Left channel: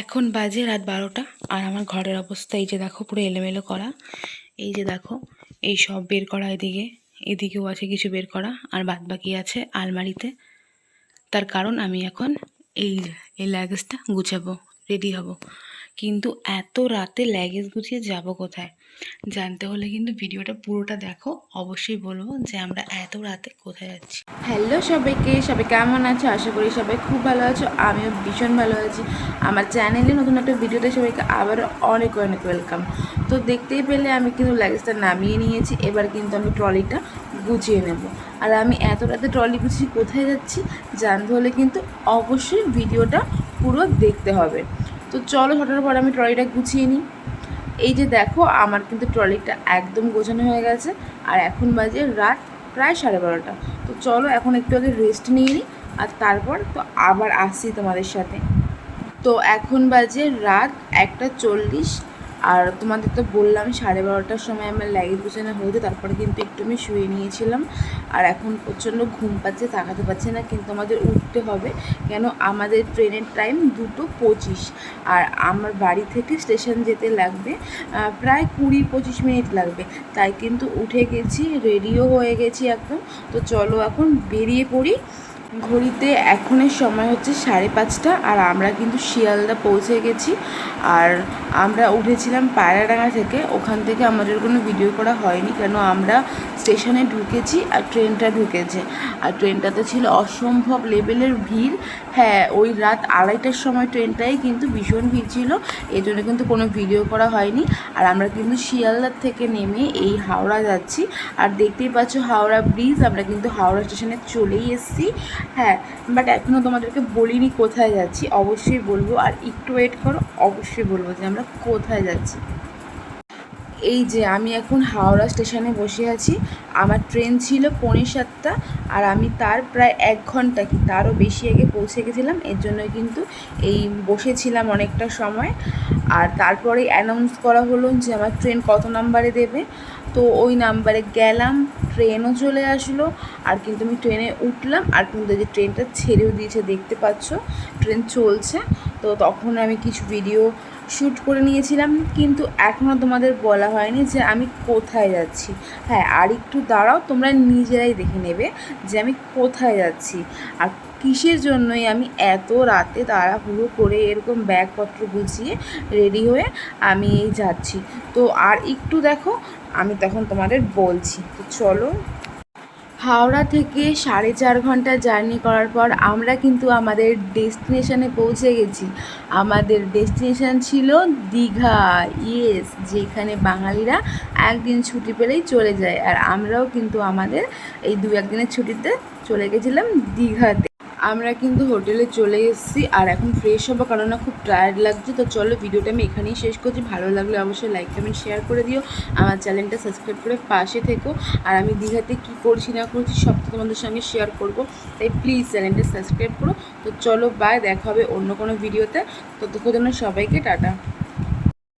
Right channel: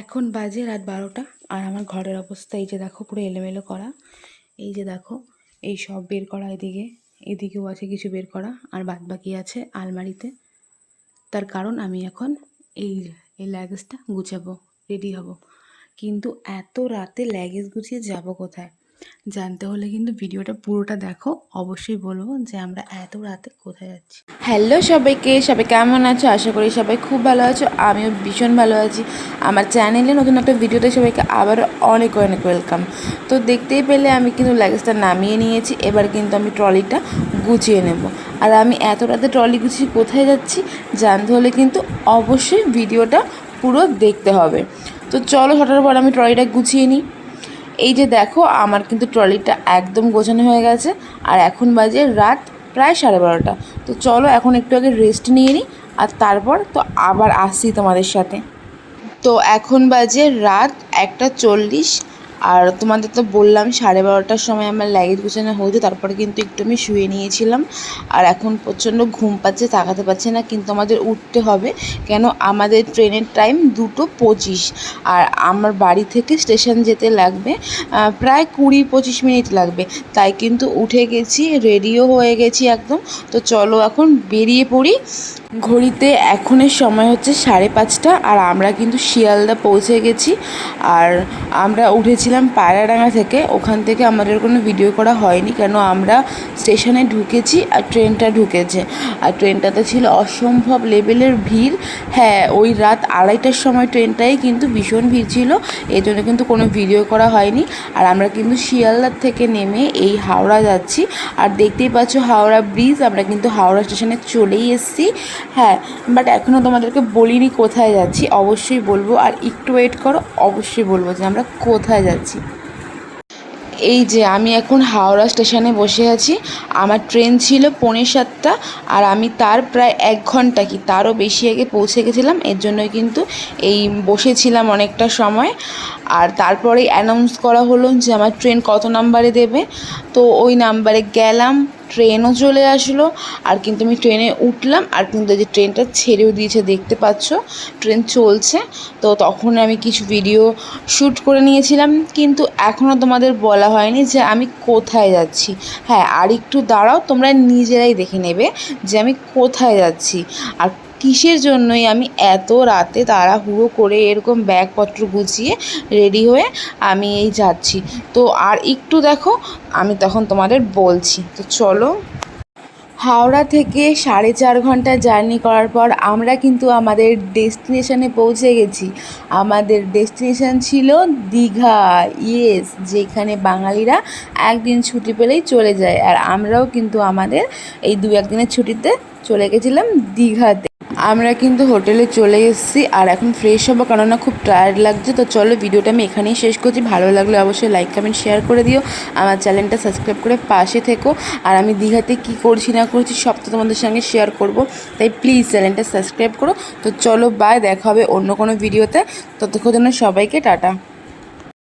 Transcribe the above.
এখন বাজে রাত বারোটা, আর আমার ঘরের অবস্থা এই যে দেখো, পুরো এলোমেলো করা। এই যে দেখো, এই সব বের করা এদিকে, এদিকেও আছে কিছু বের করা, আর বাদ বাকি আছে আলমারিতে। তার কারণ আমি এখন এই এই লাগেজটা গুছাবো রেডি হব। কিন্তু এত রাতে লাগেজ গুছিয়ে যাব কোথায়? জানতে হলে কিন্তু ভিডিওটা পুরোটা দেখো। অবশ্যই বলব যে আমরা এত রাতে কোথায় যাচ্ছি হ্যালো সবাইকে, সবাই কেমন আছো? আশা করি সবাই খুব ভালো আছো, আমিও ভীষণ ভালো আছি। আমার চ্যানেলে নতুন একটা ভিডিওতে সবাইকে আবারও অনেক অনেক ওয়েলকাম তো দেখতেই পেলে আমি কিন্তু লাগেজটা নামিয়ে নিয়েছি, এবার কিন্তু আমি ট্রলিটা গুছিয়ে নেব। আর আমি এত রাতে ট্রলি গুছিয়ে কোথায় যাচ্ছি, জানতে হলে কিন্তু অবশ্যই ভিডিওটা পুরো দেখতে হবে। তো চলো ছটার পর আমি ট্রলিটা গুছিয়ে নিই। এই যে দেখো, আমার কিন্তু ট্রলিটা একদম গোছানো হয়ে গেছে, আর এখন বাজে রাত প্রায় সাড়ে বারোটা। তো চলো এখন একটু আগে রেস্ট নিয়ে নিই, আর তারপর তো আবার আসছি তোমাদের সাথে। তো এখন বাজে রাত একটা চল্লিশ আর তোমাদের তো বললাম, সাড়ে বারোটার সময় আমার লাগেজ গুছানো হয়েছে, তারপরে কিন্তু একটু আমি শুয়ে নিয়েছিলাম। আর এখন প্রচণ্ড ঘুম পাচ্ছে, তাকাতে পারছে না, কিন্তু আমাদের উঠতে হবে। কেন? আমাদের ট্রেনের টাইম দুটো পঁচিশ। আর আমার বাড়ি থেকে স্টেশন যেতে লাগবে প্রায় কুড়ি পঁচিশ মিনিট লাগবে। তাই কিন্তু উঠে গেছি রেডিও হয়ে গেছি একদম। তো চলো এখন বেরিয়ে পড়ি। ঘড়িতে এখনের সময় হচ্ছে সাড়ে পাঁচটা আর আমরা কিন্তু শিয়ালদা পৌঁছে গেছি আর আমরা উঠেছিলাম পায়রাডাঙ্গা থেকে। ওখান থেকে আমাদের কোনো ভিডিও করা হয়নি কেন আমরা স্টেশনে ঢুকেছি আর ট্রেনটা ঢুকেছে। আর ট্রেনটাতে ছিল অসম্ভব লেভেলের ভিড়। হ্যাঁ ওই রাত আড়াইটার সময় ট্রেনটাই কিন্তু ভীষণ ভিড় ছিল এই জন্য কিন্তু কোনো ভিডিও করা হয়নি। আর আমরা কিন্তু শিয়ালদার থেকে নেমে এই হাওড়া যাচ্ছি। আর দেখতেই পাচ্ছ হাওড়া ব্রিজ, আমরা কিন্তু হাওড়া স্টেশনে চলেই এসেছি। হ্যাঁ বাট এখনও তোমাদেরকে বলিনি কোথায় যাচ্ছি, অবশ্যই বলব, আর একটু ওয়েট করো, অবশ্যই বলব যে আমরা কোথায় যাচ্ছি। এই যে আমি এখন হাওড়া স্টেশনে বসে আছি, আমার ট্রেন ছিল পৌনে সাতটা আর আমি তার প্রায় এক ঘণ্টা কি তারও বেশি আগে পৌঁছে গেছিলাম, এর জন্যই কিন্তু এই বসেছিলাম অনেকটা সময়। আর তারপরেই অ্যানাউন্স করা হলো যে আমার ট্রেন কত নাম্বারে দেবে। তো ওই নাম্বারে গেলাম, ট্রেনও চলে আসলো, আর কিন্তু আমি ট্রেনে উঠলাম, আর কিন্তু যে ট্রেনটা ছেড়েও দিয়েছে, দেখতে পাচ্ছ, ট্রেন চলছে। তো তখন আমি কিছু ভিডিও শ্যুট করে নিয়েছিলাম, কিন্তু এখনও তোমাদের বলা হয়নি যে আমি কোথায় যাচ্ছি। হ্যাঁ আর একটু দাঁড়াও, তোমরা নিজেরাই দেখে নেবে যে আমি কোথায় যাচ্ছি। আর কিসের জন্যই আমি এত রাতে তাড়াহুড়ো করে এরকম ব্যাগপত্র গুছিয়ে রেডি হয়ে আমি এই যাচ্ছি। তো আর একটু দেখো, আমি তখন তোমাদের বলছি। তো চলো হাওড়া থেকে সাড়ে চার ঘণ্টা জার্নি করার পর আমরা কিন্তু আমাদের ডেস্টিনেশনে পৌঁছে গেছি। আমাদের ডেস্টিনেশন ছিল দীঘা, ইয়েস, যেখানে বাঙালিরা একদিন ছুটি পেলেই চলে যায়। আর আমরাও কিন্তু আমাদের এই দু একদিনের ছুটিতে চলে গেছিলাম দীঘাতে। আমরা কিন্তু হোটেলে চলে এসেছি আর এখন ফ্রেশ হব কেননা খুব টায়ার্ড লাগছে। তো চলো ভিডিওটা আমি এখানেই শেষ করছি। ভালো লাগলে অবশ্যই লাইক কমেন্ট শেয়ার করে দিও। আমার চ্যানেলটা সাবস্ক্রাইব করে পাশে থেকো। আর আমি দীঘাতে কী করছি না করছি সব তো তোমাদের সঙ্গে শেয়ার করব। তাই প্লিজ চ্যানেলটা সাবস্ক্রাইব করো। তো চলো বাই দেখা হবে অন্য কোনো ভিডিওতে ততক্ষণ জন্য সবাইকে টাটা।